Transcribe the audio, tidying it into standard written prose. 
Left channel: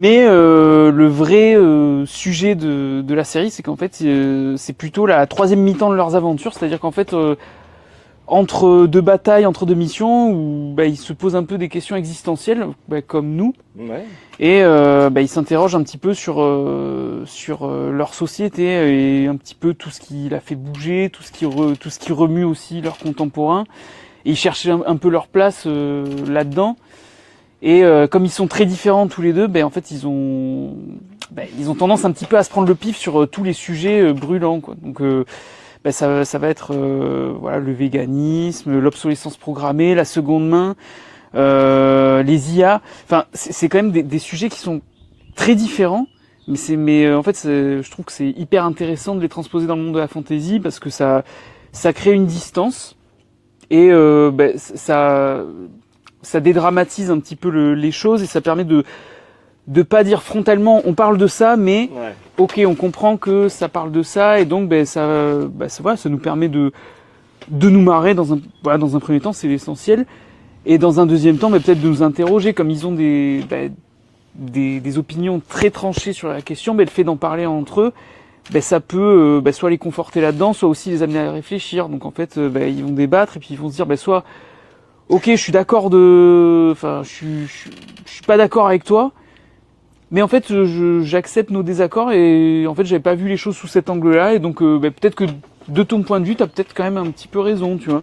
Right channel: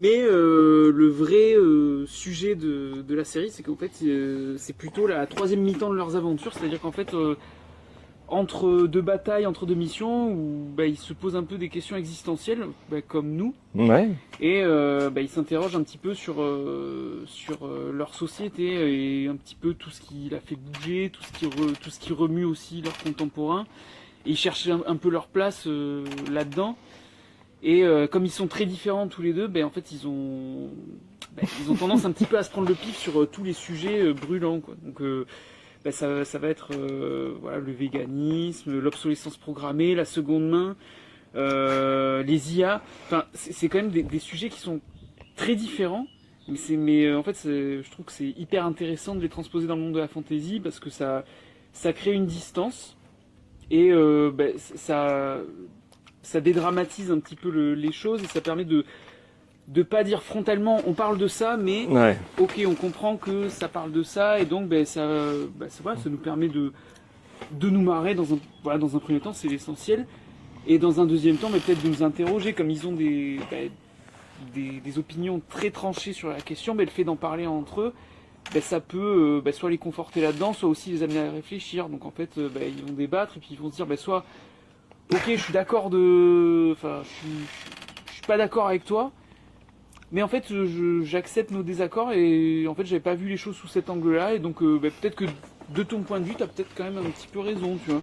Mais le vrai sujet de la série, c'est qu'en fait, c'est plutôt la troisième mi-temps de leurs aventures, c'est-à-dire qu'en fait, entre deux batailles, entre deux missions, où bah, ils se posent un peu des questions existentielles, bah, comme nous, Ouais. et bah, ils s'interrogent un petit peu sur leur société et un petit peu tout ce qui l'a fait bouger, tout ce qui remue aussi leurs contemporains. Et ils cherchent un peu leur place là-dedans. Et comme ils sont très différents tous les deux, ben en fait ils ont tendance un petit peu à se prendre le pif sur tous les sujets brûlants, quoi. Donc ça va être voilà, le véganisme, l'obsolescence programmée, la seconde main, les IA. Enfin, c'est quand même des sujets qui sont très différents. Mais en fait, je trouve que c'est hyper intéressant de les transposer dans le monde de la fantasy parce que ça crée une distance et ça dédramatise un petit peu les choses et ça permet de pas dire frontalement on parle de ça, mais Ouais. ok, on comprend que ça parle de ça et donc voilà, ça nous permet de nous marrer dans un premier temps, c'est essentiel. Et dans un deuxième temps, peut-être de nous interroger, comme ils ont des opinions très tranchées sur la question, le fait d'en parler entre eux, ça peut soit les conforter là-dedans, soit aussi les amener à réfléchir. Donc en fait, ils vont débattre et puis ils vont se dire soit ok, je suis d'accord enfin, je suis pas d'accord avec toi, mais en fait, j'accepte nos désaccords et en fait, j'avais pas vu les choses sous cet angle-là et donc peut-être que de ton point de vue, t'as peut-être quand même un petit peu raison, tu vois.